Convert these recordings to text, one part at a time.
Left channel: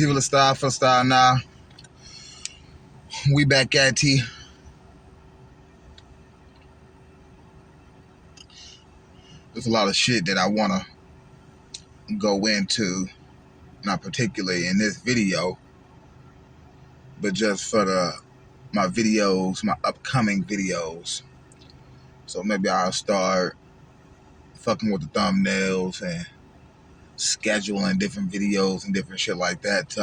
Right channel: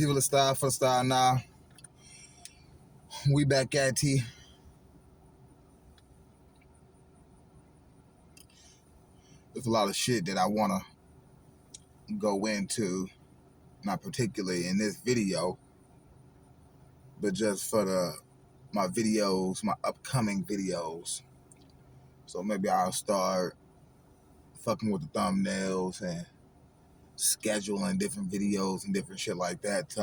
People of style for style now. We back at T. There's a lot of shit that I want to go into, not particularly in this video, but just for my videos, my upcoming videos. So maybe I'll start fucking with the thumbnails and scheduling different videos and different shit like that to,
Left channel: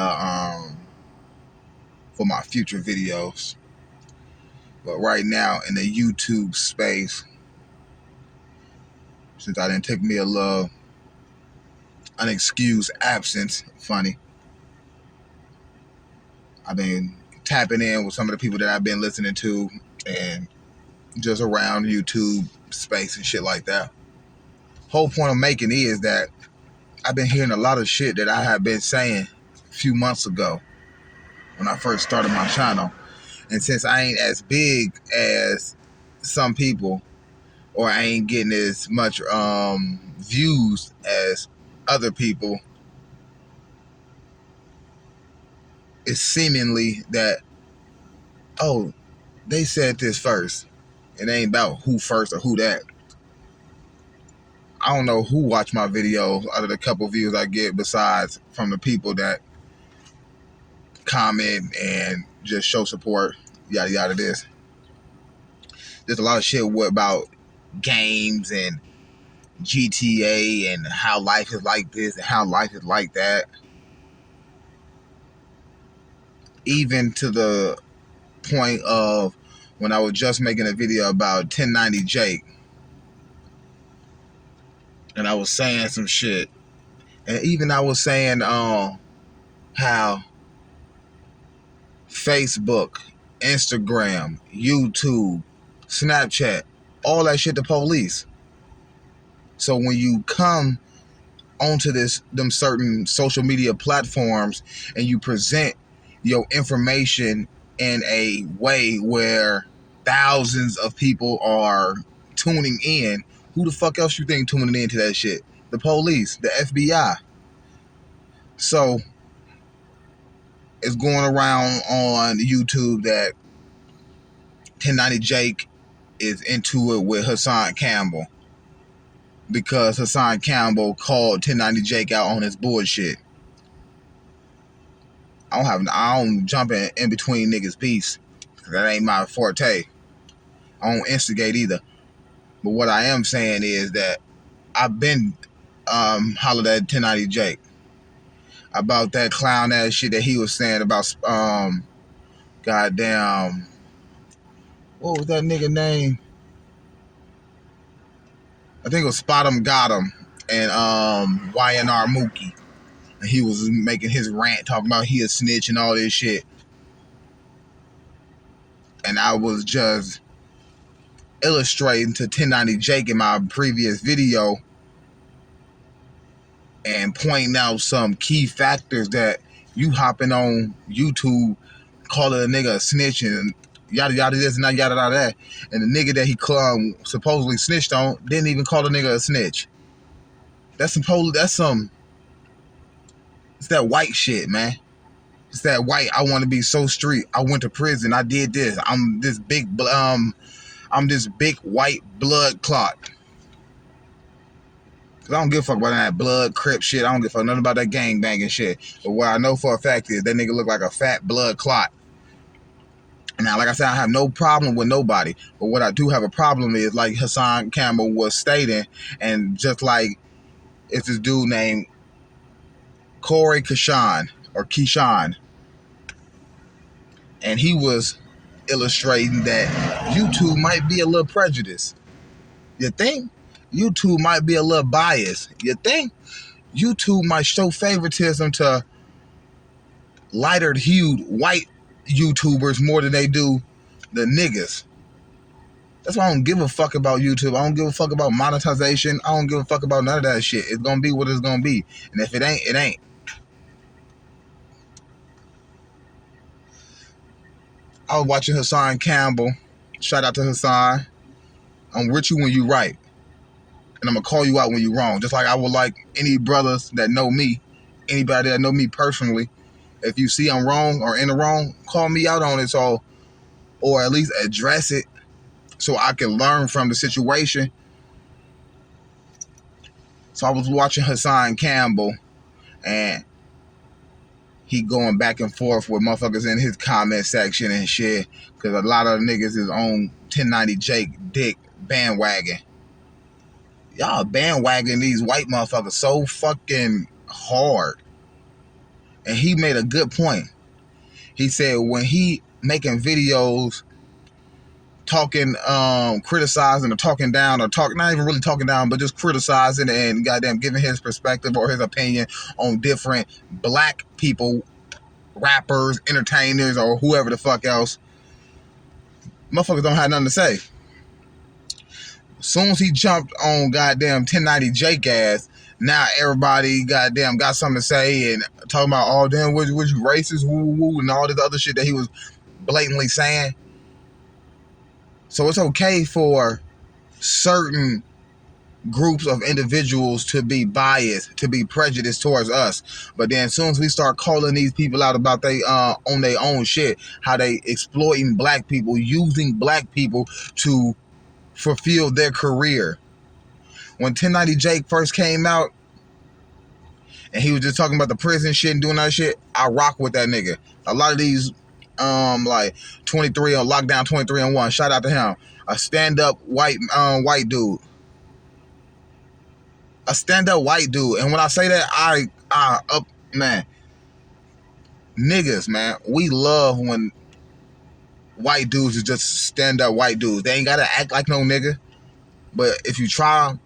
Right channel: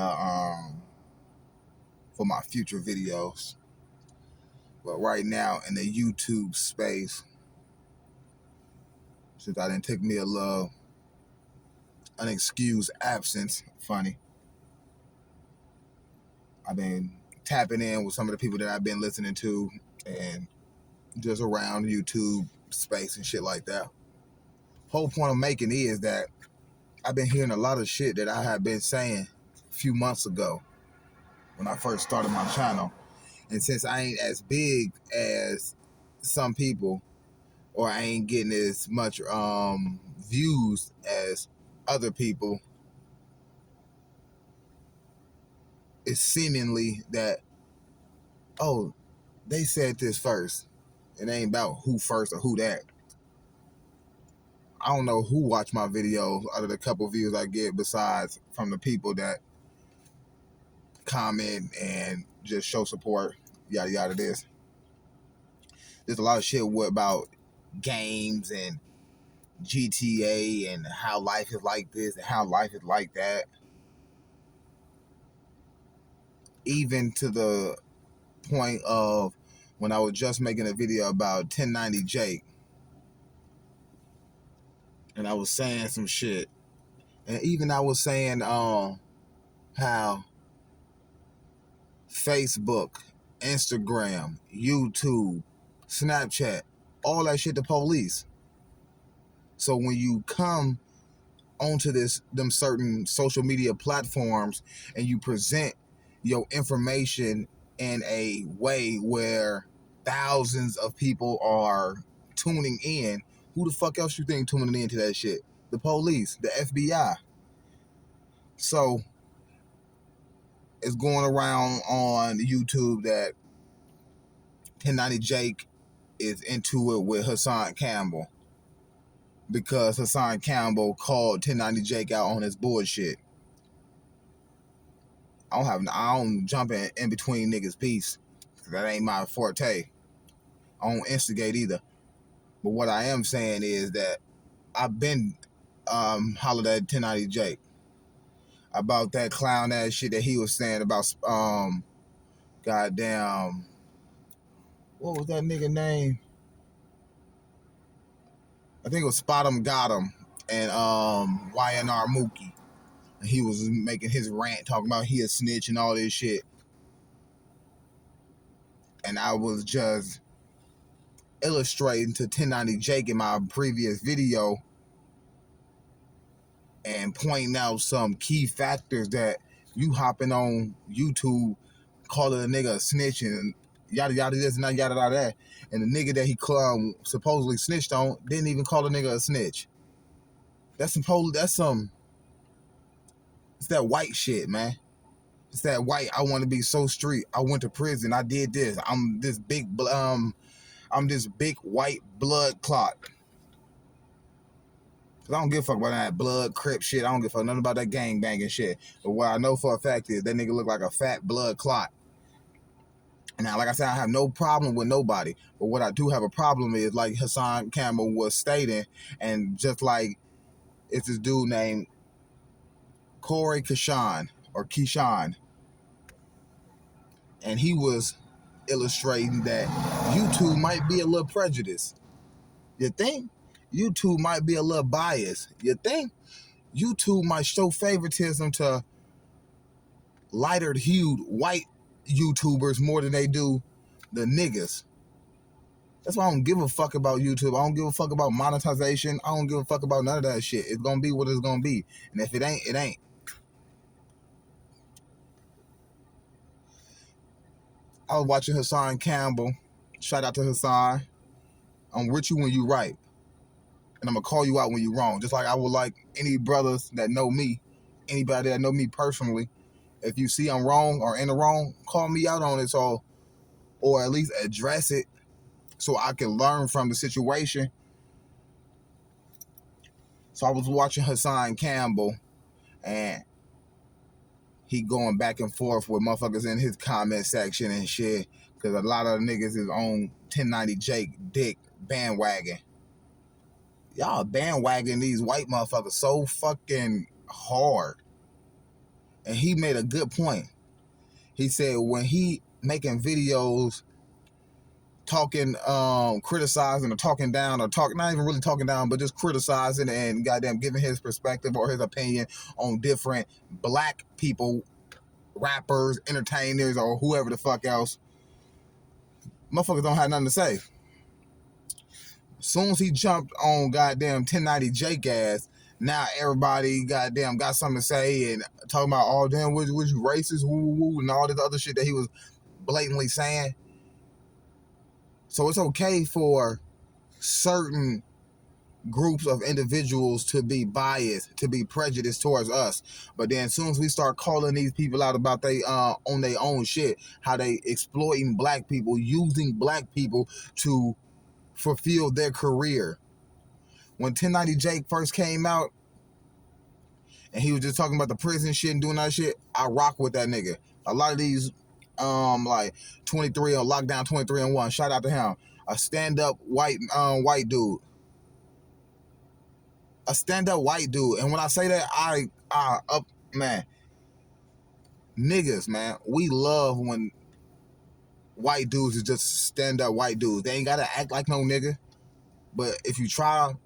for my future videos. But right now in the YouTube space, since I didn't take me a little unexcused absence, funny, I've been tapping in with some of the people that I've been listening to and just around YouTube space and shit like that. Whole point I'm making is that I've been hearing a lot of shit that I had been saying a few months ago when I first started my channel. And since I ain't as big as some people, or I ain't getting as much views as other people, it's seemingly that, oh, they said this first. It ain't about who first or who that. I don't know who watch my videos out of the couple views I get, besides from the people that comment and just show support, yada yada this. There's a lot of shit about games and GTA and how life is like this and how life is like that. Even to the point of when I was just making a video about 1090 Jake, and I was saying some shit, and even I was saying how Facebook, Instagram, YouTube, Snapchat, all that shit the police. So when you come onto them certain social media platforms and you present your information in a way where thousands of people are tuning in, who the fuck else you think tuning into that shit? The police, the FBI. So it's going around on YouTube that 1090 Jake is into it with Hassan Campbell, because Hassan Campbell called 1090 Jake out on his bullshit. I don't jump in between niggas' beefs. That ain't my forte. I don't instigate either. But what I am saying is that I've been hollered at 1090 Jake about that clown ass shit that he was saying about goddamn, what was that nigga name? I think it was Spot 'em Got 'em and YNR Mookie. And he was making his rant talking about he a snitch and all this shit. And I was just illustrating to 1090 Jake in my previous video and pointing out some key factors that you hopping on YouTube calling a nigga a snitch and yada yada this and that, yada yada that, and the nigga that he supposedly snitched on didn't even call the nigga a snitch. It's that white shit, man. It's that white, I want to be so street, I went to prison, I did this, I'm this big white blood clot. Cause I don't give a fuck about that blood crip shit. I don't give a fuck nothing about that gang banging shit. But what I know for a fact is that nigga look like a fat blood clot. Now, like I said, I have no problem with nobody. But what I do have a problem is, like Hassan Campbell was stating, and just like it's this dude named Corey Keyshawn, and he was illustrating that YouTube might be a little prejudiced. You think? YouTube might be a little biased. You think? YouTube might show favoritism to lighter-hued white YouTubers more than they do the niggas. That's why I don't give a fuck about YouTube. I don't give a fuck about monetization. I don't give a fuck about none of that shit. It's gonna be what it's gonna be. And if it ain't, it ain't. I was watching Hassan Campbell. Shout out to Hassan. I'm with you when you right. And I'm going to call you out when you're wrong. Just like I would like any brothers that know me, anybody that know me personally, if you see I'm wrong or in the wrong, call me out on it, so, or at least address it so I can learn from the situation. So I was watching Hassan Campbell, and he going back and forth with motherfuckers in his comment section and shit, because a lot of niggas is on 1090 Jake dick bandwagon. Y'all bandwagon these white motherfuckers so fucking hard. And he made a good point. He said when he making videos talking, criticizing or talking down, or not even really talking down, but just criticizing and goddamn giving his perspective or his opinion on different black people, rappers, entertainers, or whoever the fuck else, motherfuckers don't have nothing to say. As soon as he jumped on goddamn 1090 Jake ass, now everybody goddamn got something to say and talking about, oh damn, was you racist, woo, and all this other shit that he was blatantly saying. So it's okay for certain groups of individuals to be biased, to be prejudiced towards us. But then as soon as we start calling these people out about they on their own shit, how they exploiting black people, using black people to fulfill their career. When 1090 Jake first came out and he was just talking about the prison shit and doing that shit, I rock with that nigga. A lot of these like 23 on lockdown 23 and 1, shout out to him. A stand-up white dude. A stand-up white dude. And when I say that, man, niggas, man, we love when white dudes is just stand-up white dudes. They ain't gotta act like no nigga. But if you try,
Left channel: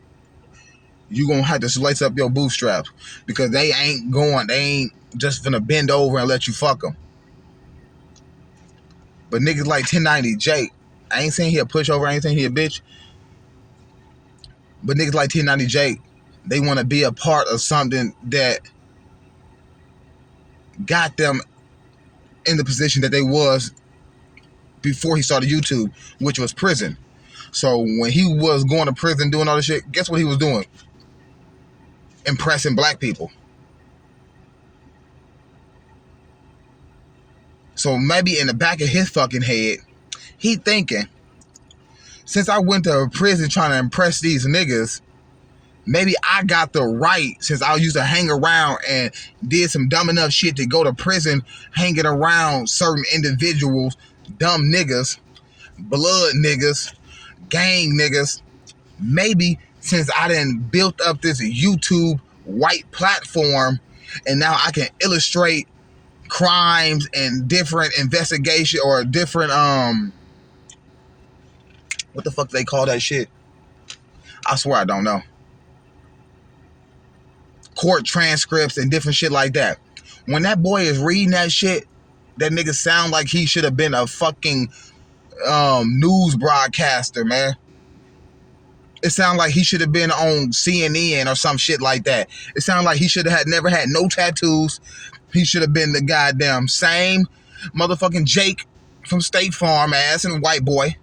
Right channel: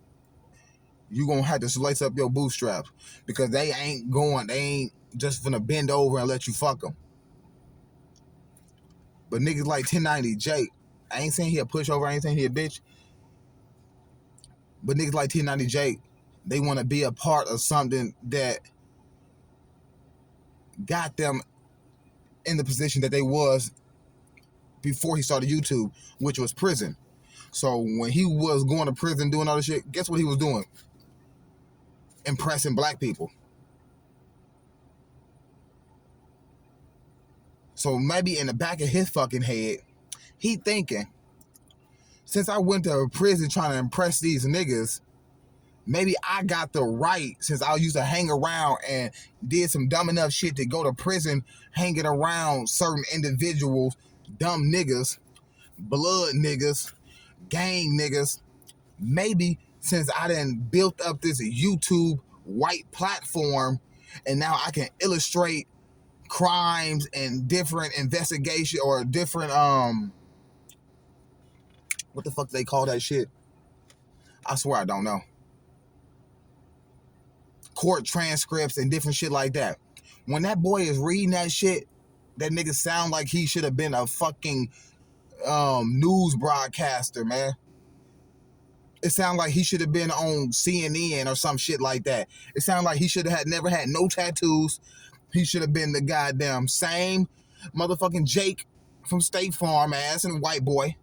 you gonna have to lace up your bootstraps, because they ain't just gonna bend over and let you fuck them. But niggas like 1090 Jake, I ain't saying he a pushover, I ain't saying he a bitch, but niggas like 1090 Jake, they want to be a part of something that got them in the position that they was before he started YouTube, which was prison. So when he was going to prison doing all this shit, guess what he was doing? Impressing black people. So maybe in the back of his fucking head, he thinking, since I went to prison trying to impress these niggas, maybe I got the right, since I used to hang around and did some dumb enough shit to go to prison, hanging around certain individuals, dumb niggas, blood niggas, gang niggas. Maybe since I done built up this YouTube white platform, and now I can illustrate crimes and different investigation or different what the fuck they call that shit? I swear I don't know. Court transcripts and different shit like that. When that boy is reading that shit, that nigga sound like he should have been a fucking news broadcaster, man. It sound like he should have been on CNN or some shit like that. It sound like he should have never had no tattoos. He should have been the goddamn same motherfucking Jake from State Farm ass and white boy,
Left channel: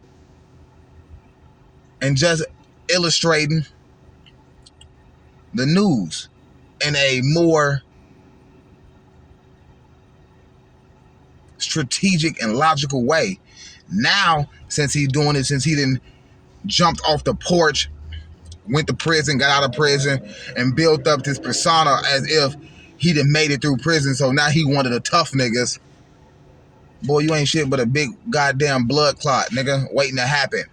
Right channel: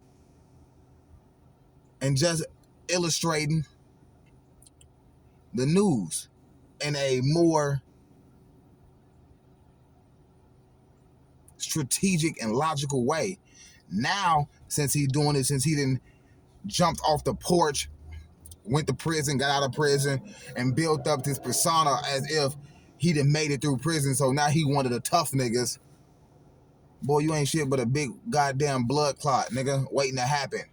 and just illustrating the news in a more strategic and logical way. Now, since he's doing it, since he didn't jumped off the porch, went to prison, got out of prison, and built up this persona as if he done made it through prison, so now he one of the tough niggas. Boy, you ain't shit but a big goddamn blood clot, nigga, waiting to happen.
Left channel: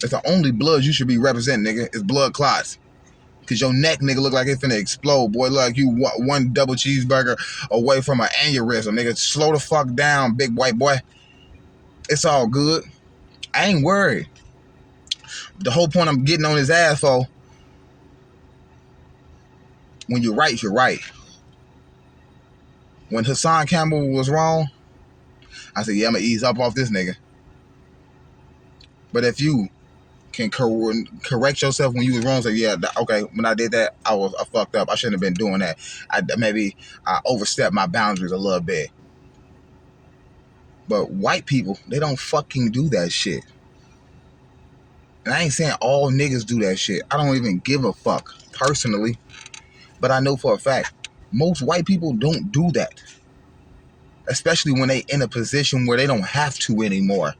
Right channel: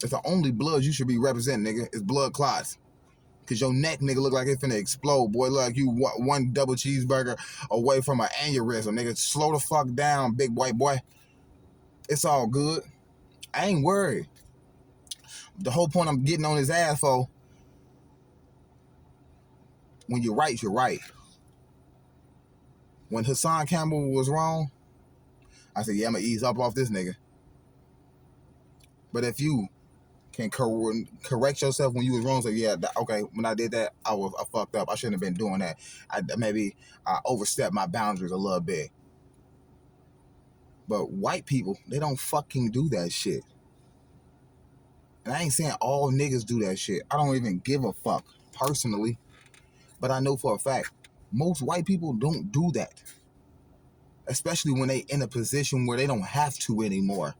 It's the only blood you should be representing, nigga, is blood clots. Cause your neck, nigga, look like it's finna explode, boy. Look like you one double cheeseburger away from an aneurysm, nigga. Slow the fuck down, big white boy. It's all good. I ain't worried. The whole point I'm getting on his ass for, when you're right, you're right. When Hassan Campbell was wrong, I said, yeah, I'm gonna ease up off this nigga. But if you can correct yourself when you was wrong, say, yeah, okay, when I did that, I fucked up. I shouldn't have been doing that. Maybe I overstepped my boundaries a little bit. But white people, they don't fucking do that shit. And I ain't saying all niggas do that shit. I don't even give a fuck, personally. But I know for a fact, Most white people don't do that, especially when they in a position where they don't have to anymore.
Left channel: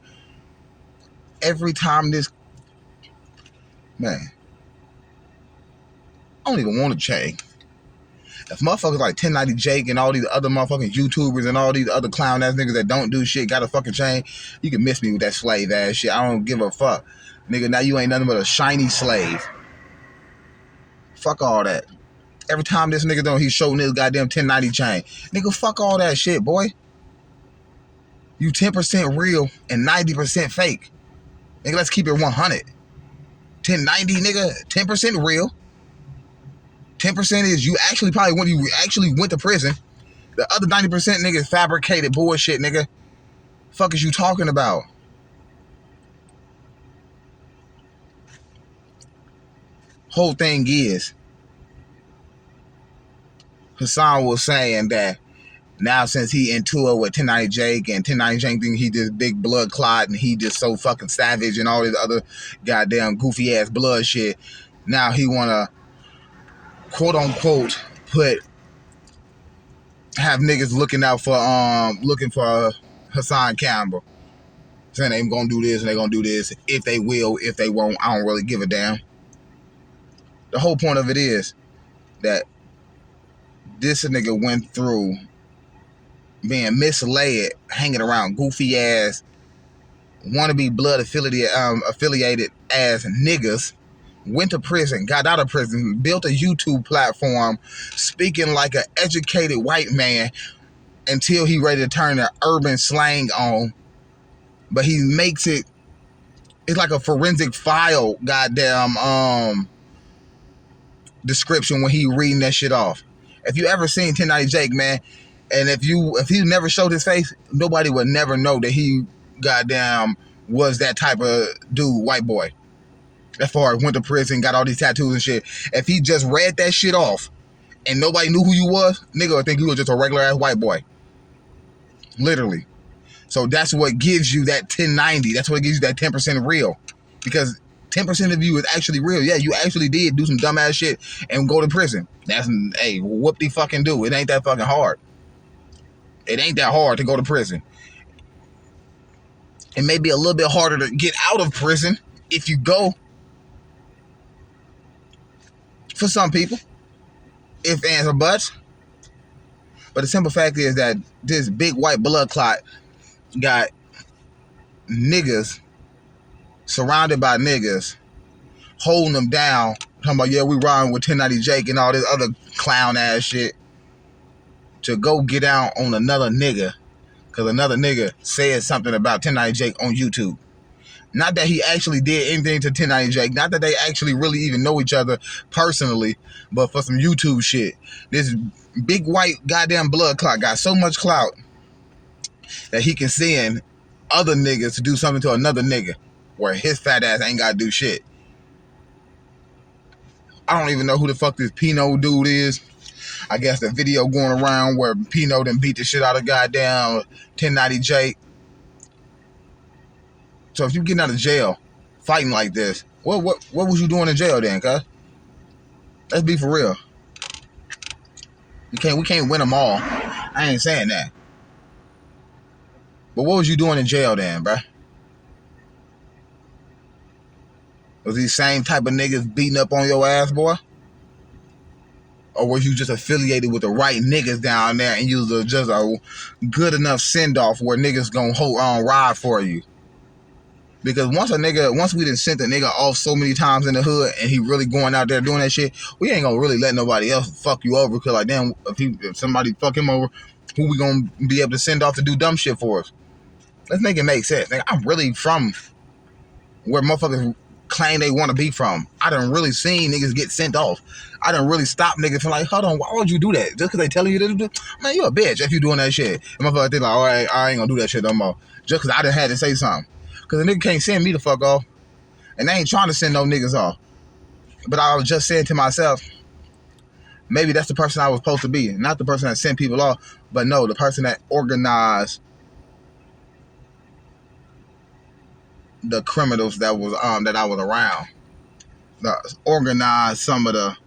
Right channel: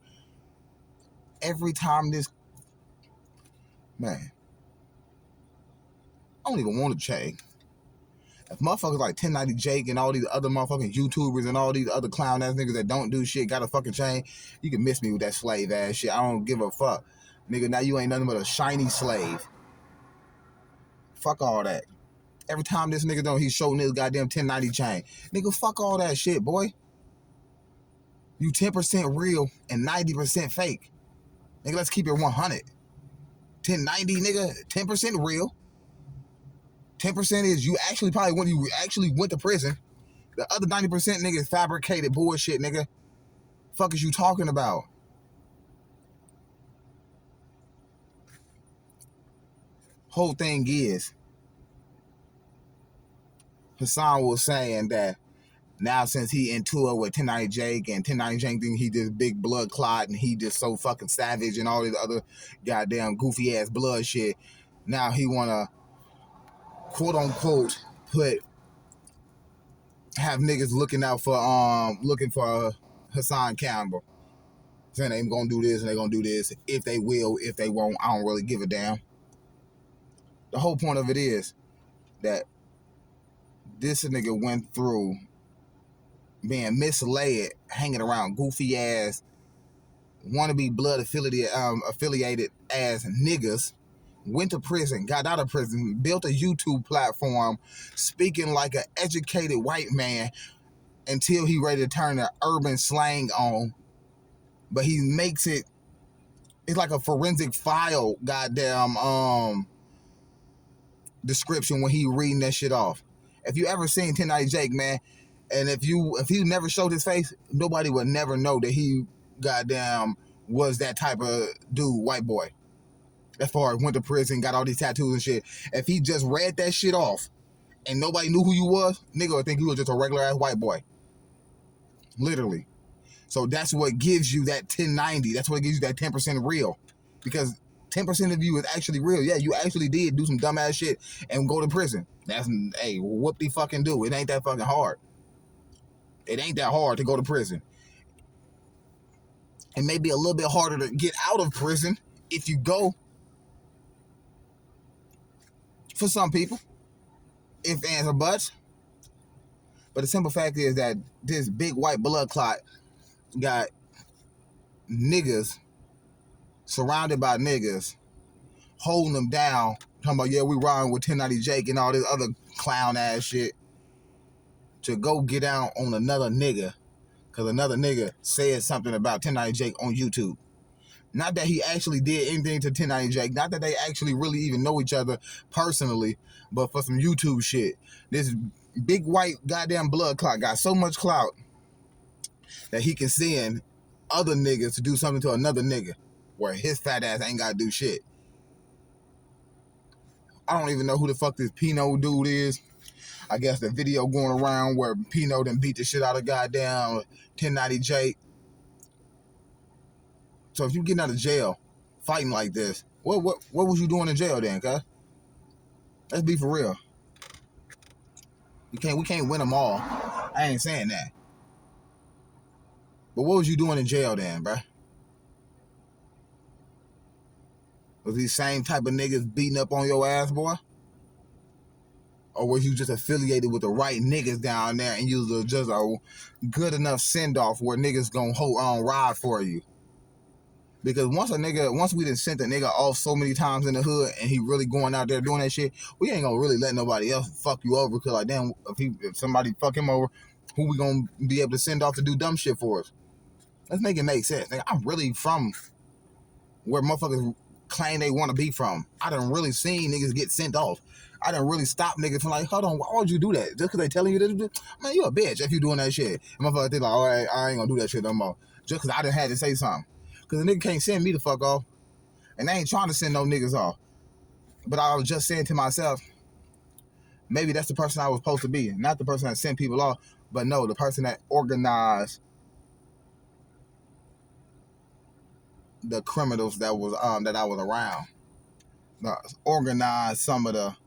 Every time this, man, I don't even want to change. If motherfuckers like 1090 Jake and all these other motherfucking YouTubers and all these other clown ass niggas that don't do shit got a fucking chain, you can miss me with that slave ass shit. I don't give a fuck. Nigga, now you ain't nothing but a shiny slave. Fuck all that. Every time this nigga he show niggas goddamn 1090 chain. Nigga, fuck all that shit, boy. You 10% real and 90% fake. Nigga, let's keep it 100. 1090, nigga, 10% real. 10% is you actually probably when you actually went to prison. The other 90% niggas fabricated bullshit, nigga. Fuck is you talking about? Whole thing is, Hassan was saying that now since he into it with 1090 Jake and 1090 Jake think he just big blood clot and he just so fucking savage and all this other goddamn goofy ass blood shit. Now he wanna quote unquote have niggas looking for Hassan Campbell. Saying they gonna do this and they gonna do this. If they will, if they won't, I don't really give a damn. The whole point of it is that this nigga went through being misled, hanging around goofy ass, wannabe blood affiliated ass niggas, went to prison, got out of prison, built a YouTube platform, speaking like an educated white man until he ready to turn the urban slang on. But he makes it's like a forensic file goddamn description when he reading that shit off. If you ever seen 1090 Jake, man, and if he never showed his face, nobody would never know that he goddamn was that type of dude, white boy. As far as went to prison, got all these tattoos and shit. If he just read that shit off and nobody knew who you was, nigga would think you was just a regular ass white boy. Literally. So that's what gives you that 1090. That's what gives you that 10% real. Because 10% of you is actually real. Yeah, you actually did do some dumbass shit and go to prison. That's, hey, whoop-de-fucking do. It ain't that fucking hard. It ain't that hard to go to prison. It may be a little bit harder to get out of prison if you go. For some people. If, ands, or buts. But the simple fact is that this big white blood clot got niggas surrounded by niggas holding them down, talking about, yeah, we riding with 1090 Jake and all this other clown ass shit to go get out on another nigga because another nigga said something about 1090 Jake on YouTube. Not that he actually did anything to 1090 Jake, not that they actually really even know each other personally, but for some YouTube shit. This big white goddamn blood clot got so much clout that he can send other niggas to do something to another nigga where his fat ass ain't got to do shit. I don't even know who the fuck this Pinot dude is. I guess the video going around where Pinot done beat the shit out of goddamn 1090 Jake. So if you getting out of jail fighting like this, what was you doing in jail then, cuz? Let's be for real. We can't win them all. I ain't saying that. But what was you doing in jail then, bruh? Was these same type of niggas beating up on your ass, boy? Or was you just affiliated with the right niggas down there and you was just a good enough send-off where niggas gonna ride for you? Because once we done sent a nigga off so many times in the hood and he really going out there doing that shit, we ain't gonna really let nobody else fuck you over. Because like, damn, if somebody fuck him over, who we gonna be able to send off to do dumb shit for us? Let's make it make sense. Like, I'm really from where motherfuckers claim they want to be from. I done really seen niggas get sent off. I done really stopped niggas from like, hold on, why would you do that? Just because they telling you to do? Man, you a bitch if you doing that shit. And motherfuckers think like, all right, I ain't gonna do that shit no more. Just because I done had to say something. Because a nigga can't send me the fuck off. And they ain't trying to send no niggas off. But I was just saying to myself, maybe that's the person I was supposed to be. Not the person that sent people off, but no, the person that organized the criminals that I was around. Organized some of the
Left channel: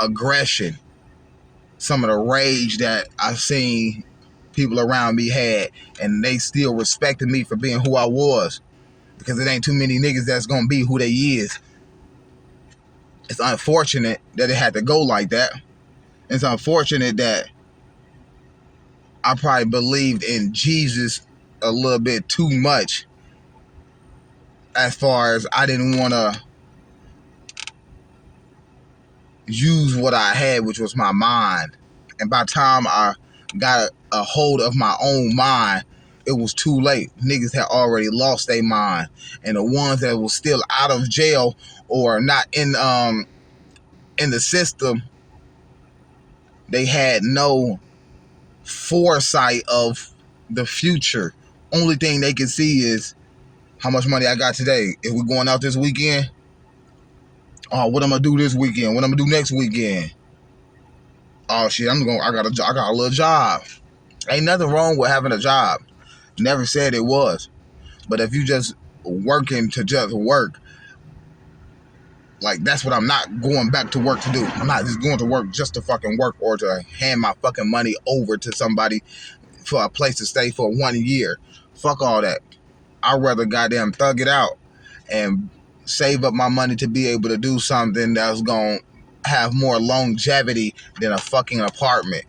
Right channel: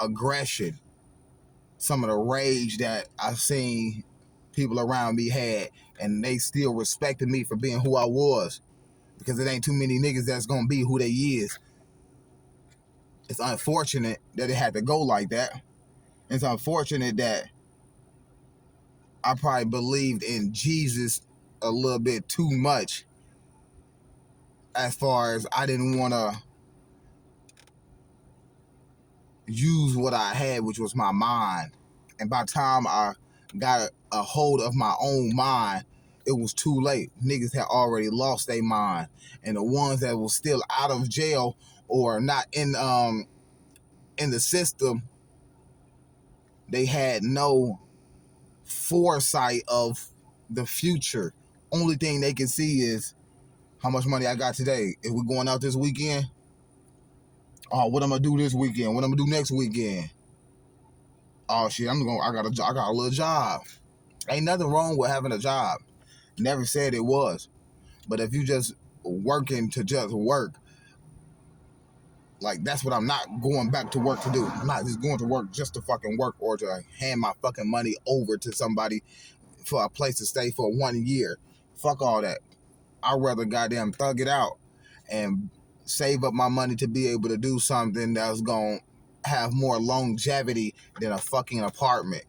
aggression, some of the rage that I've seen people around me had, and they still respected me for being who I was, because it ain't too many niggas that's gonna be who they is. It's unfortunate that it had to go like that. It's unfortunate that I probably believed in Jesus a little bit too much, as far as I didn't want to use what I had, which was my mind. And by the time I got a hold of my own mind, it was too late. Niggas had already lost their mind. And the ones that was still out of jail or not in the system, they had no foresight of the future. Only thing they can see is how much money I got today. If we're going out this weekend, oh, what I'm gonna do this weekend? What I'm gonna do next weekend? Oh shit, I got a little job. Ain't nothing wrong with having a job. Never said it was. But if you just working to just work, like, that's what I'm not going back to work to do. I'm not just going to work just to fucking work or to hand my fucking money over to somebody for a place to stay for 1 year. Fuck all that. I'd rather goddamn thug it out and save up my money to be able to do something that's going to have more longevity than a fucking apartment.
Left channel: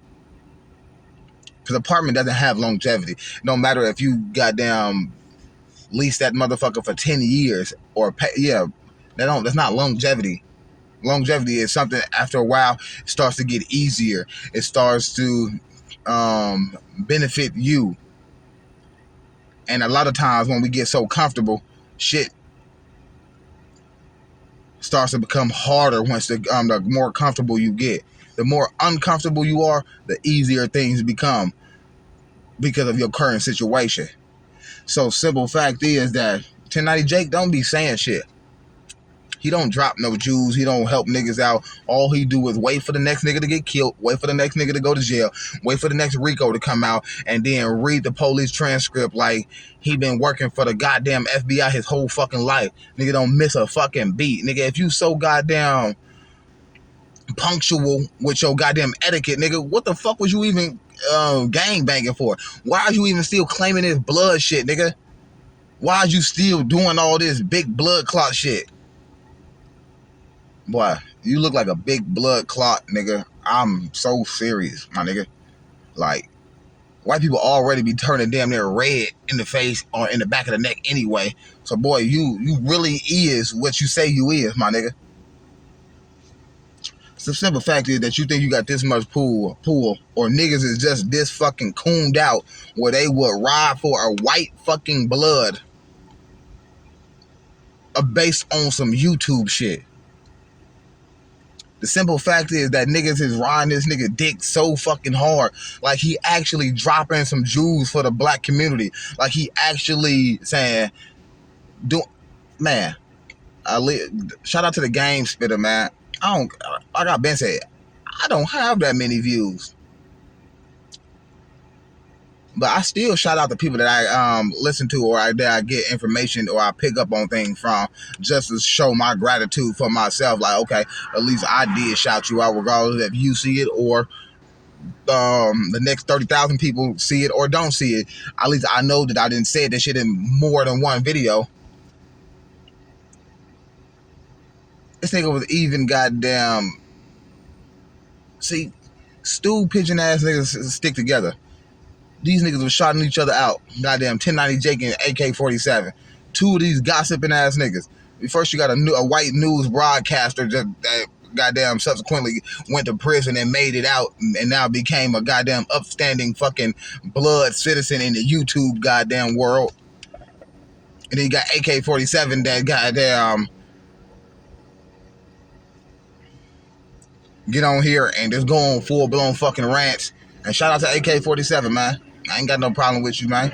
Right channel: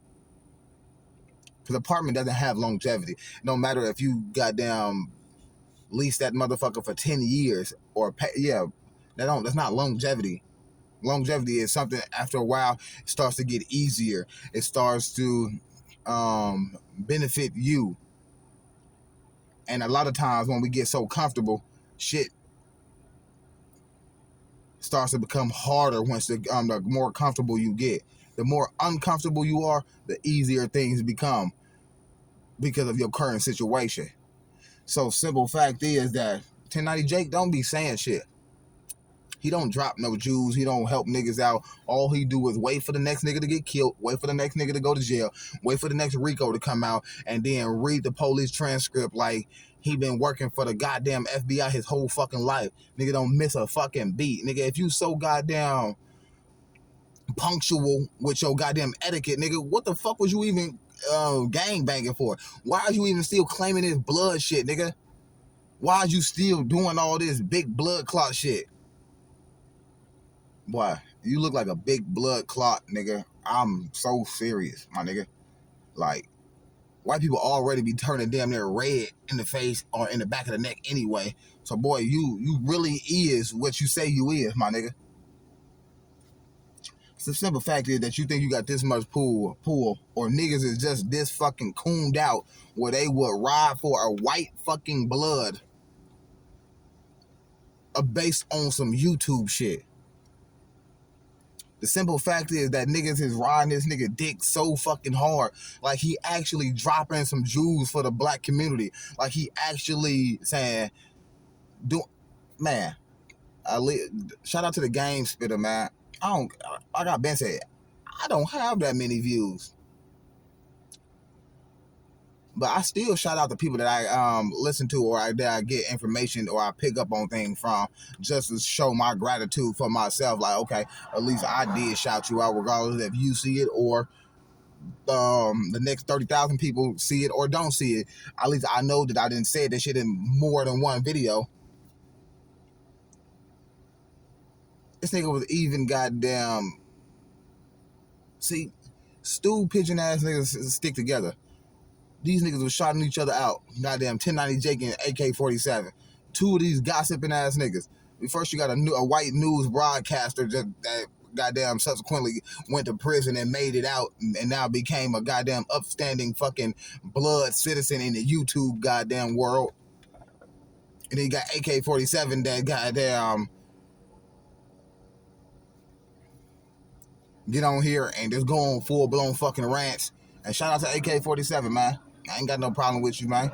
Because apartment doesn't have longevity. No matter if you goddamn lease that motherfucker for 10 years or pay, yeah, that's not longevity. Longevity is something after a while it starts to get easier. It starts to benefit you. And a lot of times when we get so comfortable, shit starts to become harder once the more comfortable you get. The more uncomfortable you are, the easier things become because of your current situation. So simple fact is that 1090 Jake don't be saying shit. He don't drop no Jews. He don't help niggas out. All he do is wait for the next nigga to get killed, wait for the next nigga to go to jail, wait for the next Rico to come out, and then read the police transcript like he been working for the goddamn FBI his whole fucking life. Nigga don't miss a fucking beat. Nigga, if you so goddamn punctual with your goddamn etiquette, nigga, what the fuck was you even gang banging for? Why are you even still claiming this blood shit, nigga? Why are you still doing all this big blood clot shit? Boy, you look like a big blood clot, nigga. I'm so serious, my nigga. Like, white people already be turning damn near red in the face or in the back of the neck anyway. So, boy, you really is what you say you is, my nigga. So the simple fact is that you think you got this much pull, or niggas is just this fucking cooned out where they would ride for a white fucking blood based on some YouTube shit. The simple fact is that niggas is riding this nigga dick so fucking hard. Like he actually dropping some Jews for the black community. Like he actually saying, man, shout out to the game spitter, man. Like I've been said, I don't have that many views. But I still shout out the people that I listen to or that I get information or I pick up on things from, just to show my gratitude for myself. Like, okay, at least I did shout you out, regardless if you see it or the next 30,000 people see it or don't see it. At least I know that I didn't say that shit in more than one video. This nigga was even goddamn... See, stool pigeon ass niggas stick together. These niggas was shotting each other out. Goddamn 1090 Jake and AK-47. Two of these gossiping ass niggas. First you got a white news broadcaster that goddamn subsequently went to prison and made it out and now became a goddamn upstanding fucking blood citizen in the YouTube goddamn world. And then you got AK-47 that goddamn get on here and just go on full-blown fucking rants. And shout out to AK-47, man. I ain't got no problem with you, man.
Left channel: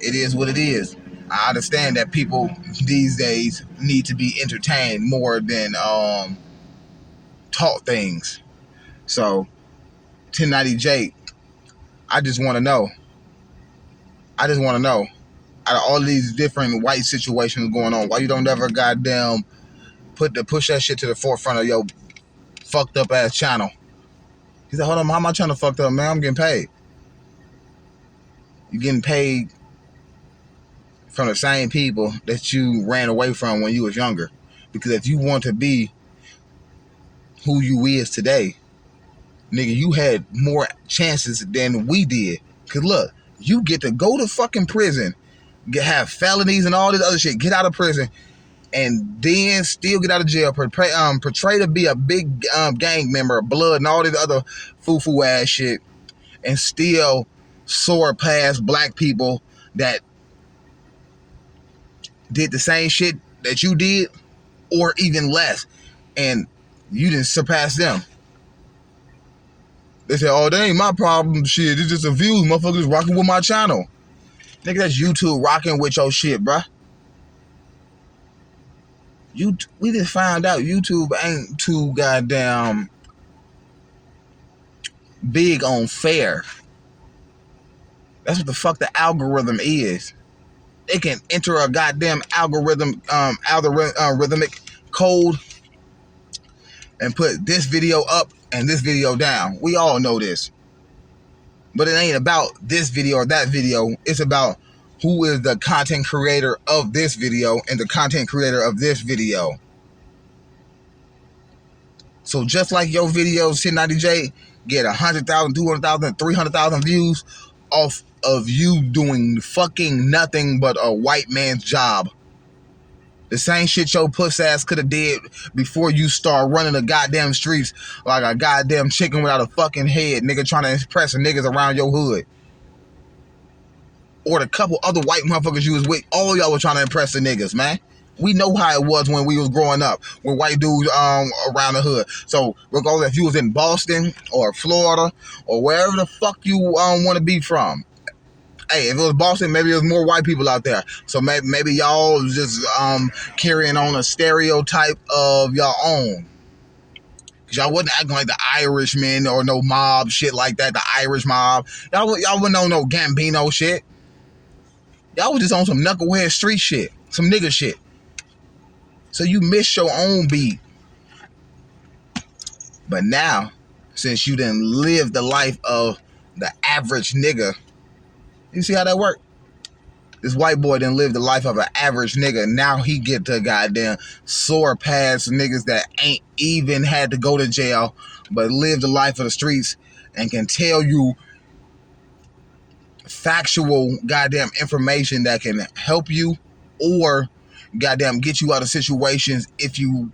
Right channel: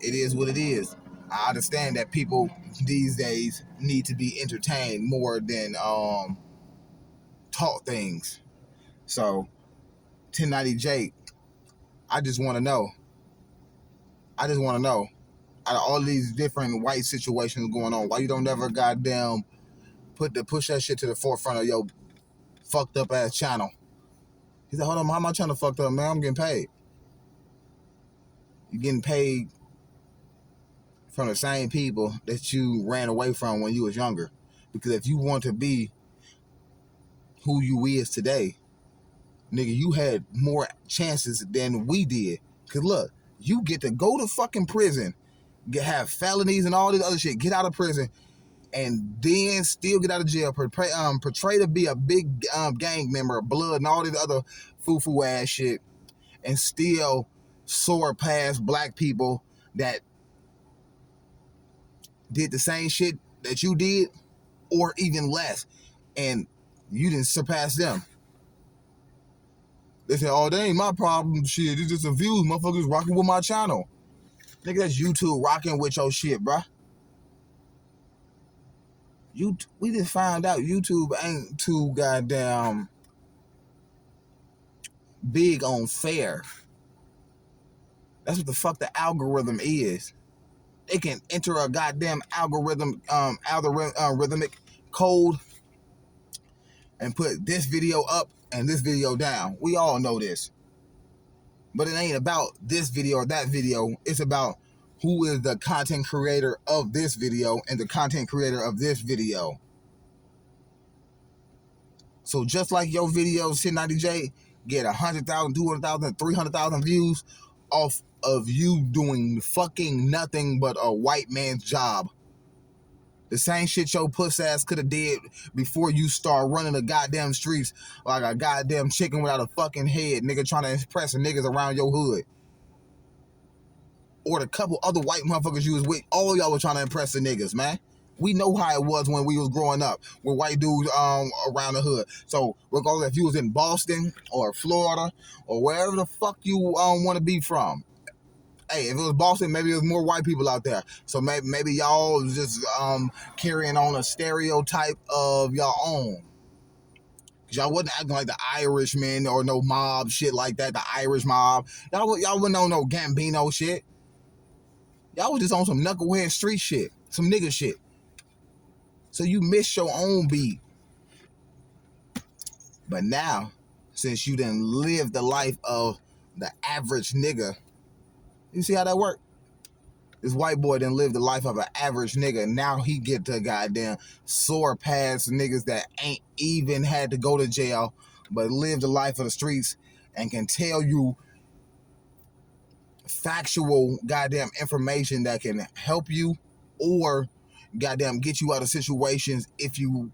It is what it is. I understand that people these days need to be entertained more than taught things. So, 1090 Jake, I just want to know. Out of all these different white situations going on, why you don't ever goddamn push that shit to the forefront of your fucked up ass channel. He said, hold on, how my channel fucked up, man? I'm getting paid. You're getting paid from the same people that you ran away from when you was younger. Because if you want to be who you is today, nigga, you had more chances than we did. Because look, you get to go to fucking prison, have felonies and all this other shit, get out of prison, and then still get out of jail, portray to be a big gang member, blood, and all this other foo-foo ass shit, and still soar past black people that did the same shit that you did, or even less, and you didn't surpass them. They say, oh, that ain't my problem, shit, it's just a view, motherfuckers rocking with my channel. Nigga, that's YouTube rocking with your shit, bruh. We just found out YouTube ain't too goddamn big on fair. That's what the fuck the algorithm is. They can enter a goddamn algorithmic code and put this video up and this video down. We all know this. But it ain't about this video or that video. It's about who is the content creator of this video and the content creator of this video. So just like your videos, 1090J, get 100,000, 200,000, 300,000 views off of you doing fucking nothing but a white man's job. The same shit your puss ass could have did before you start running the goddamn streets like a goddamn chicken without a fucking head, nigga, trying to impress the niggas around your hood. Or the couple other white motherfuckers you was with, all y'all were trying to impress the niggas, man. We know how it was when we was growing up with white dudes around the hood. So regardless if you was in Boston or Florida or wherever the fuck you want to be from. Hey, if it was Boston, maybe there's more white people out there. So maybe y'all was just carrying on a stereotype of your own. Cause y'all wasn't acting like the Irishmen or no mob shit like that, the Irish mob. Y'all wouldn't know no Gambino shit. Y'all was just on some knucklehead street shit, some nigga shit. So you missed your own beat. But now, since you didn't live the life of the average nigga, you see how that worked? This white boy didn't live the life of an average nigga. Now he get to goddamn soar past niggas that ain't even had to go to jail, but live the life of the streets and can tell you factual goddamn information that can help you or goddamn get you out of situations if you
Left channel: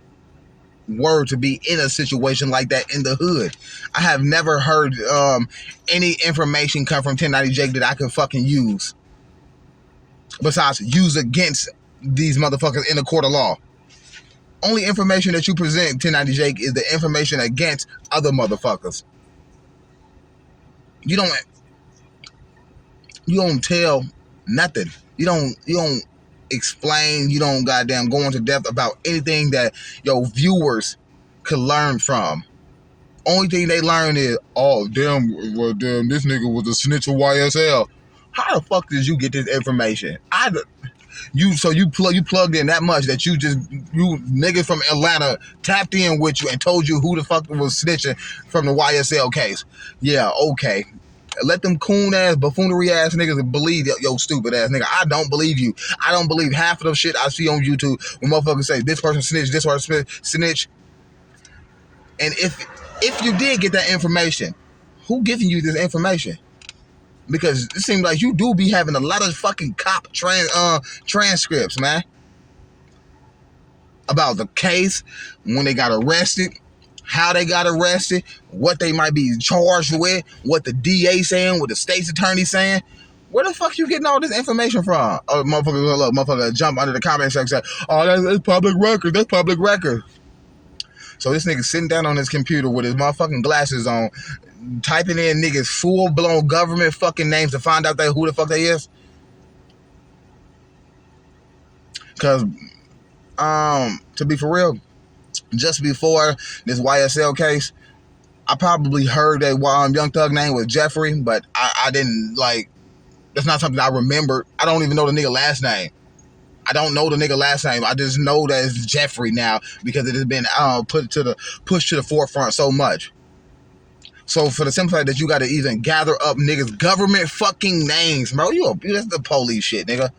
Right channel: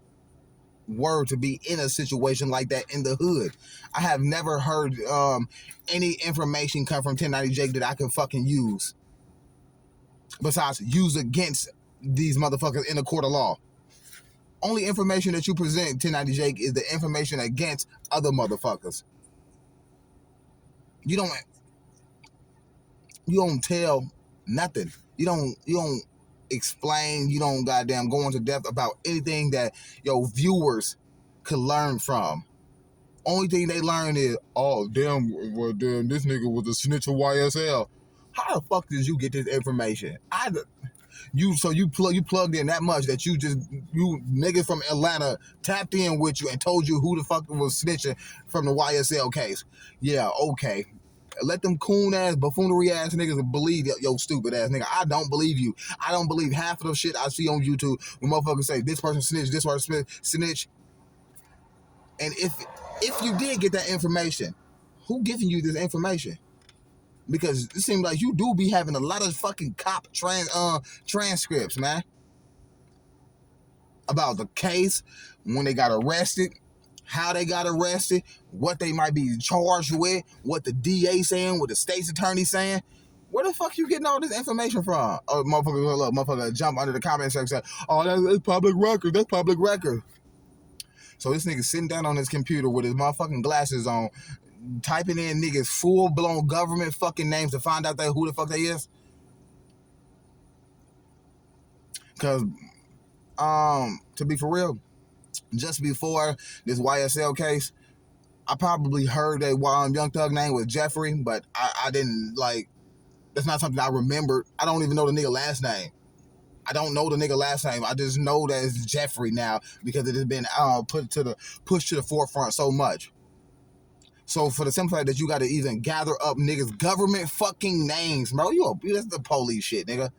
were to be in a situation like that in the hood. I have never heard any information come from 1090J that I can fucking use. Besides, use against these motherfuckers in the court of law. Only information that you present, 1090J, is the information against other motherfuckers. You don't tell nothing. You don't explain, you don't goddamn go into depth about anything that your viewers could learn from. Only thing they learn is, oh damn, well damn, this nigga was a snitch of YSL. How the fuck did you get this information? You plugged in that much that you niggas from Atlanta tapped in with you and told you who the fuck was snitching from the YSL case. Yeah, okay. Let them coon ass, buffoonery ass niggas believe yo stupid ass nigga. I don't believe you. I don't believe half of the shit I see on YouTube when motherfuckers say this person snitch, this person snitch. And if you did get that information, who giving you this information? Because it seems like you do be having a lot of fucking cop transcripts, man. About the case, when they got arrested, how they got arrested, what they might be charged with, what the DA saying, what the state's attorney saying. Where the fuck you getting all this information from? Oh, motherfucker jump under the comment section and say, oh, that's public record, that's public record. So this nigga sitting down on his computer with his motherfucking glasses on, typing in niggas full-blown government fucking names to find out who the fuck they is. Because, to be for real, just before this YSL case, I probably heard that Young Thug name was Jeffrey, but I didn't, like, that's not something I remembered. I don't even know the nigga last name. I don't know the nigga last name. I just know that it's Jeffrey now because it has been pushed to the forefront so much. So for the simple fact that you got to even gather up niggas' government fucking names, bro, that's the police shit, nigga.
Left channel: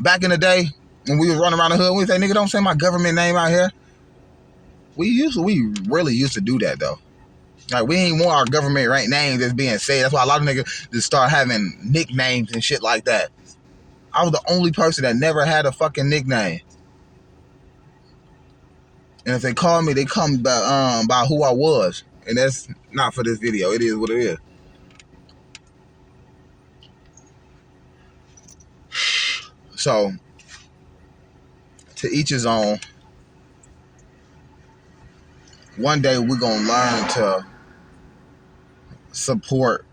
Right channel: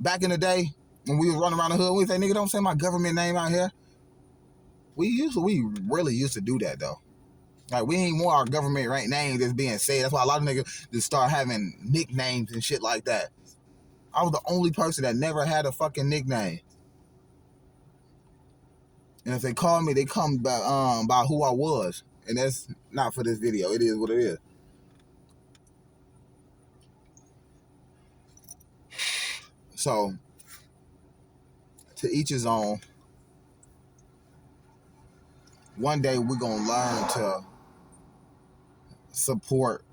Back in the day when we was running around the hood, we say, nigga, don't say my government name out here. We really used to do that though. Like, we ain't want our government right name that's being said. That's why a lot of niggas just start having nicknames and shit like that. I was the only person that never had a fucking nickname. And if they call me, they come by who I was. And that's not for this video. It is what it is. So, to each his own. One day we're going to learn to support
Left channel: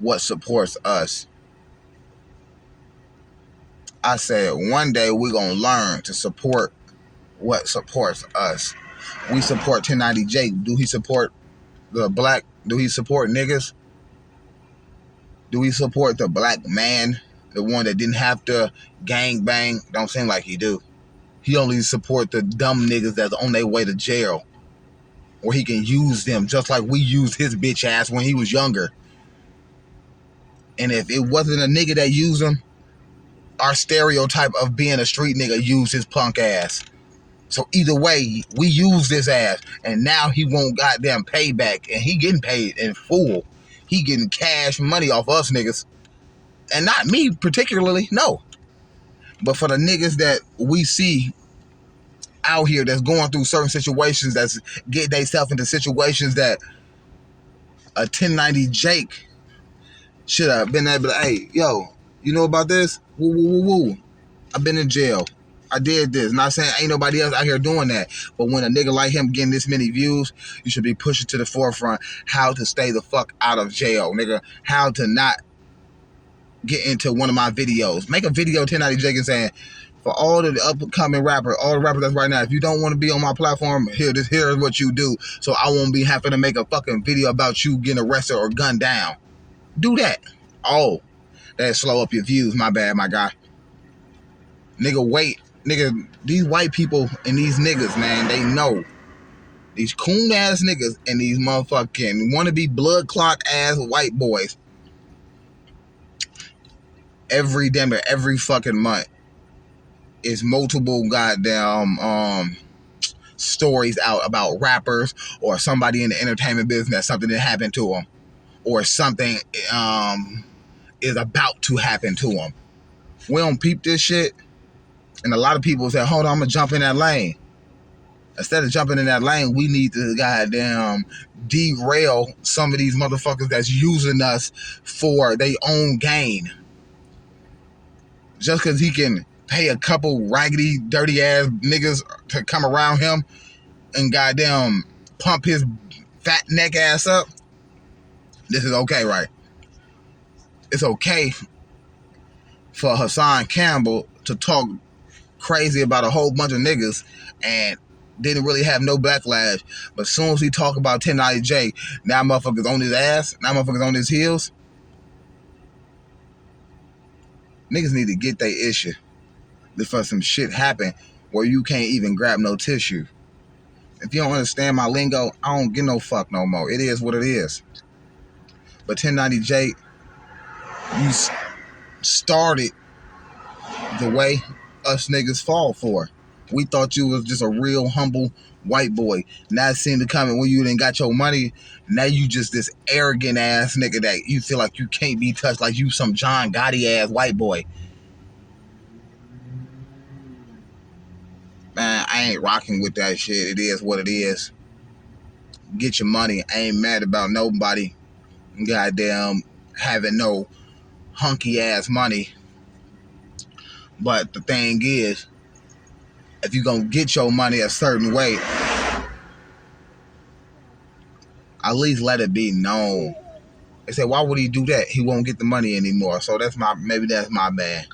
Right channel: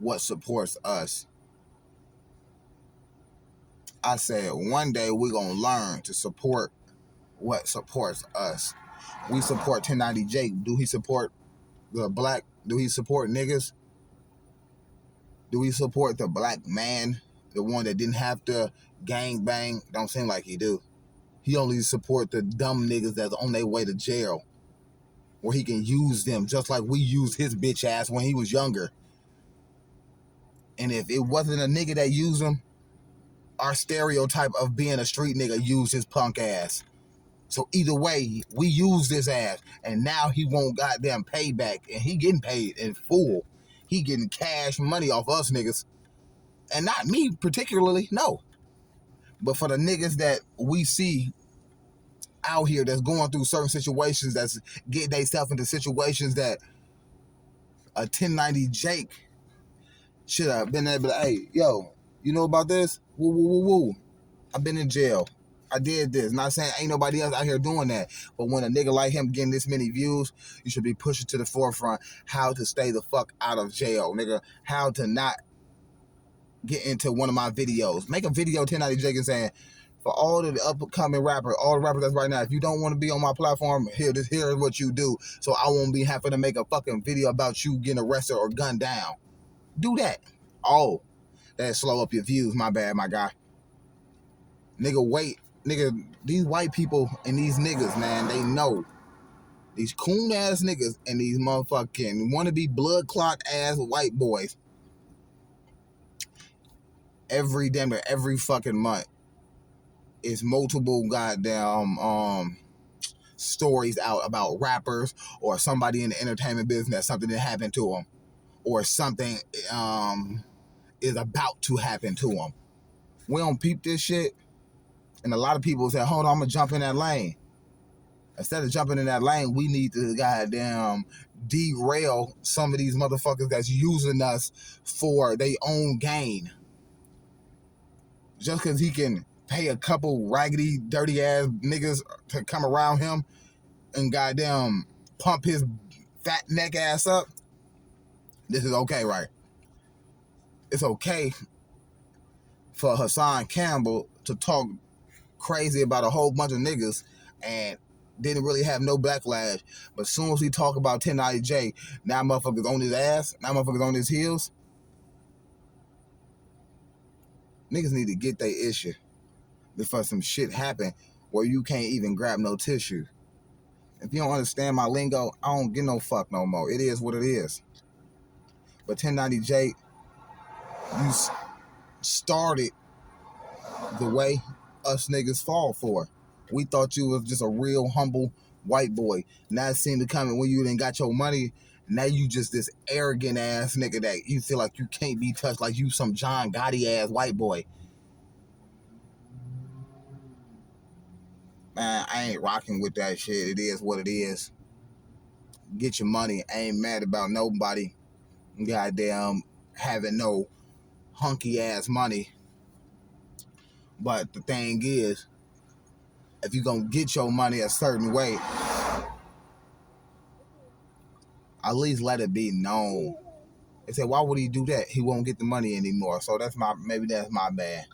what supports us. I said one day we're going to learn to support what supports us. We support 1090 Jake. Do he support the black? Do he support niggas? Do he support the black man? The one that didn't have to gang bang? Don't seem like he do. He only support the dumb niggas that's on their way to jail. Where he can use them just like we used his bitch ass when he was younger. And if it wasn't a nigga that used him, our stereotype of being a street nigga used his punk ass. So either way, we use this ass. And now he won't goddamn payback. And he getting paid in full. He getting cash money off us niggas. And not me particularly, no. But for the niggas that we see out here that's going through certain situations, that's getting themselves into situations that a 1090 Jake should have been able to, hey, yo, you know about this? Woo, woo, woo, woo. I've been in jail. I did this. Not saying ain't nobody else out here doing that. But when a nigga like him getting this many views, you should be pushing to the forefront how to stay the fuck out of jail, nigga. How to not get into one of my videos. Make a video 1090 Jake and saying, for all the upcoming rappers, all the rappers that's right now, if you don't want to be on my platform, here is what you do. So I won't be having to make a fucking video about you getting arrested or gunned down. Do that. Oh, that slow up your views. My bad, my guy. Nigga, wait. Nigga, these white people and these niggas, man, they know. These coon ass niggas and these motherfucking wannabe blood clot ass white boys. Every fucking month is multiple goddamn stories out about rappers or somebody in the entertainment business, something that happened to them, or something is about to happen to them. We don't peep this shit, and a lot of people say, hold on, I'm gonna jump in that lane. Instead of jumping in that lane, we need to goddamn derail some of these motherfuckers that's using us for their own gain. Just because he can pay a couple raggedy, dirty ass niggas to come around him and goddamn pump his fat neck ass up, this is okay, right? It's okay for Hassan Campbell to talk crazy about a whole bunch of niggas and didn't really have no backlash. But as soon as he talk about 1090 J, now motherfuckers on his ass, now motherfuckers on his heels. Niggas need to get their issue before some shit happen where you can't even grab no tissue. If you don't understand my lingo, I don't give no fuck no more. It is what it is. But 1090 J, you started the way us niggas fall for. We thought you was just a real humble white boy. Now it seemed to come when you didn't got your money. Now you just this arrogant ass nigga that you feel like you can't be touched, like you some John Gotti ass white boy. Man, I ain't rocking with that shit. It is what it is. Get your money. I ain't mad about nobody goddamn having no hunky ass money. But the thing is, if you gonna get your money a certain way, at least let it be known. They say, why would he do that? He won't get the money anymore. So maybe that's my bad.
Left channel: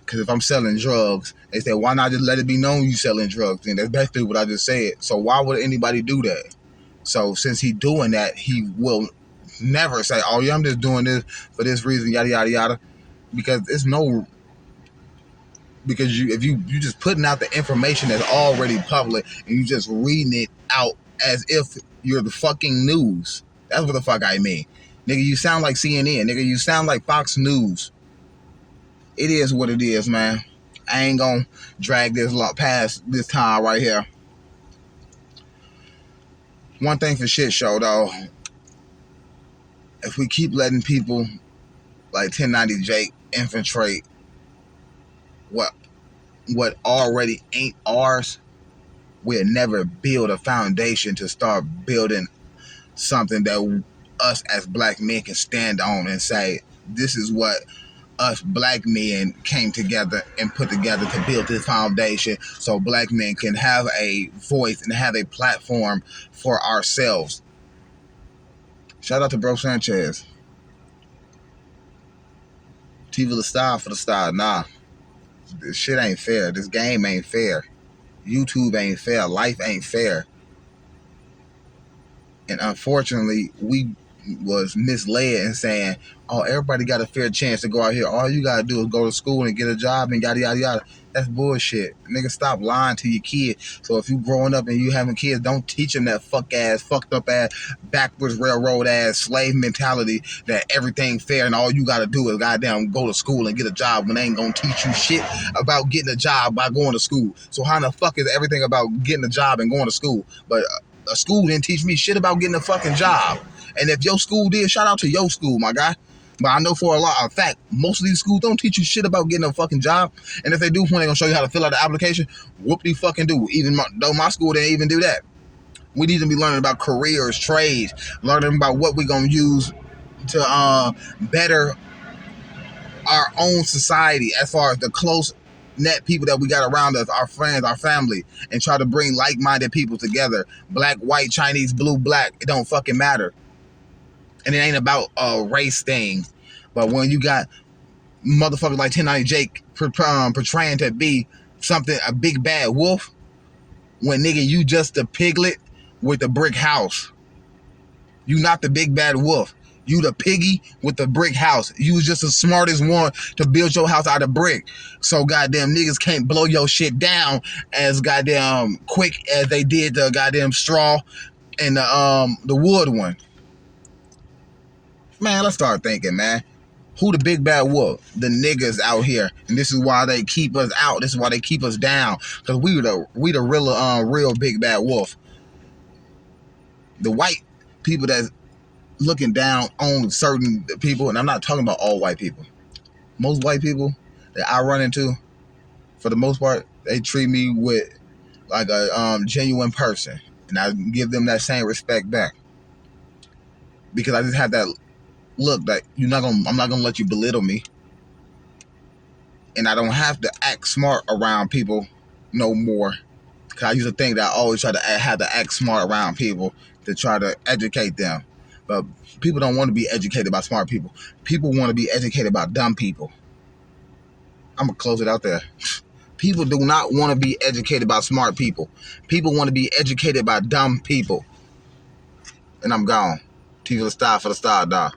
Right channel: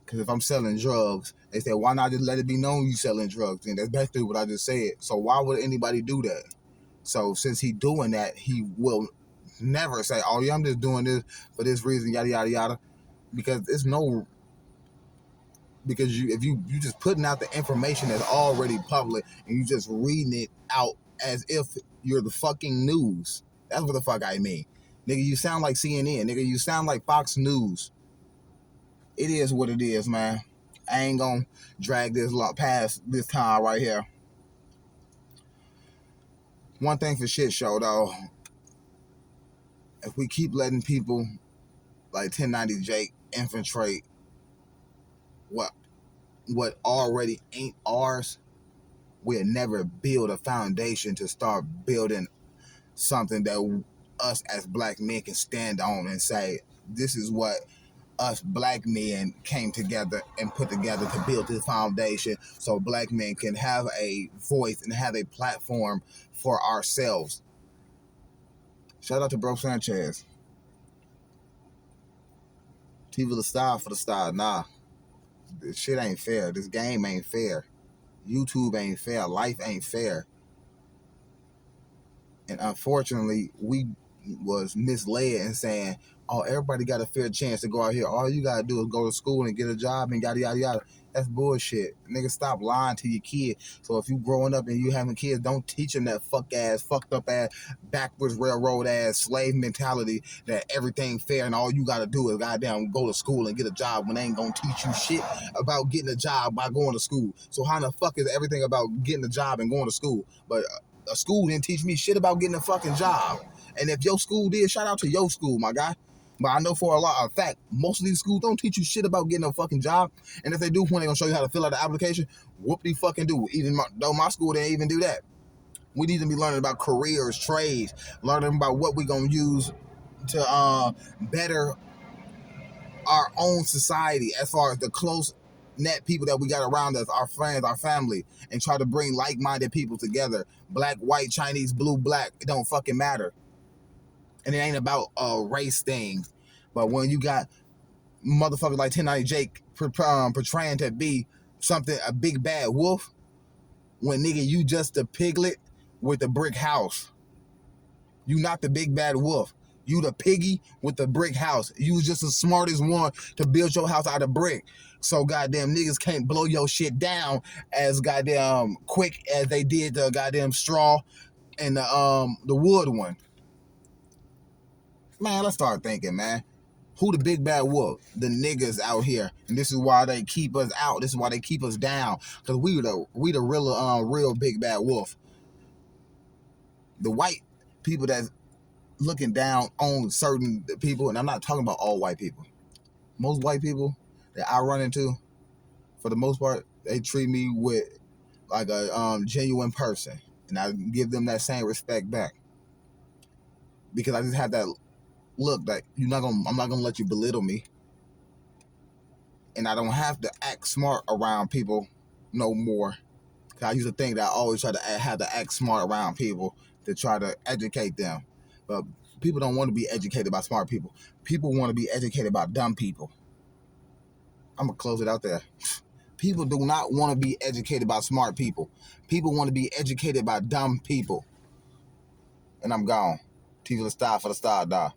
Because if I'm selling drugs, they say, why not just let it be known you selling drugs? And that's basically what I just said. So why would anybody do that? So since he doing that, he will never say, oh yeah, I'm just doing this for this reason, yada, yada, yada. Because it's no Because if you just putting out the information that's already public and you just reading it out as if you're the fucking news. That's what the fuck I mean. Nigga, you sound like CNN. Nigga, you sound like Fox News. It is what it is, man. I ain't gonna drag this lot past this time right here. One thing for shit show, though. If we keep letting people like 1090 Jake infiltrate what already ain't ours, we'll never build a foundation to start building something that us as black men can stand on and say, this is what us black men came together and put together to build this foundation so black men can have a voice and have a platform for ourselves. Shout out to Bro Sanchez. TV the style for the style. Nah, this shit ain't fair. This game ain't fair. YouTube ain't fair. Life ain't fair. And unfortunately, we was misled in saying, oh, everybody got a fair chance to go out here. All you gotta do is go to school and get a job and yada yada yada. That's bullshit. Nigga, stop lying to your kid. So if you growing up and you having kids, don't teach them that fucked up ass, backwards railroad ass slave mentality that everything fair and all you gotta do is goddamn go to school and get a job when they ain't gonna teach you shit about getting a job by going to school. So how the fuck is everything about getting a job and going to school? But a school didn't teach me shit about getting a fucking job. And if your school did, shout out to your school, my guy. But I know for a fact, most of these schools don't teach you shit about getting a fucking job. And if they do, when they gonna show you how to fill out the application, whoop-de fucking do. Even though my school didn't even do that. We need to be learning about careers, trades, learning about what we're gonna use to better our own society as far as the close net people that we got around us, our friends, our family, and try to bring like-minded people together. Black, white, Chinese, blue, black, it don't fucking matter. And it ain't about a race thing. But when you got motherfuckers like 1090 Jake portraying to be something, a big bad wolf, when nigga, you just a piglet with a brick house. You not the big bad wolf. You the piggy with the brick house. You was just the smartest one to build your house out of brick. So goddamn niggas can't blow your shit down as goddamn quick as they did the goddamn straw and the wood one. Man, let's start thinking, man. Who the big bad wolf? The niggas out here. And this is why they keep us out. This is why they keep us down. Because we the real big bad wolf. The white people that's looking down on certain people, and I'm not talking about all white people. Most white people that I run into, for the most part, they treat me with like a genuine person. And I give them that same respect back. Because I just have that look, like I'm not gonna let you belittle me, and I don't have to act smart around people no more. Cause I used to think that I always try to have to act smart around people to try to educate them, but people don't want to be educated by smart people. People want to be educated by dumb people. I'm gonna close it out there. People do not want to be educated by smart people. People want to be educated by dumb people. And I'm gone. TV the star for the star, dog.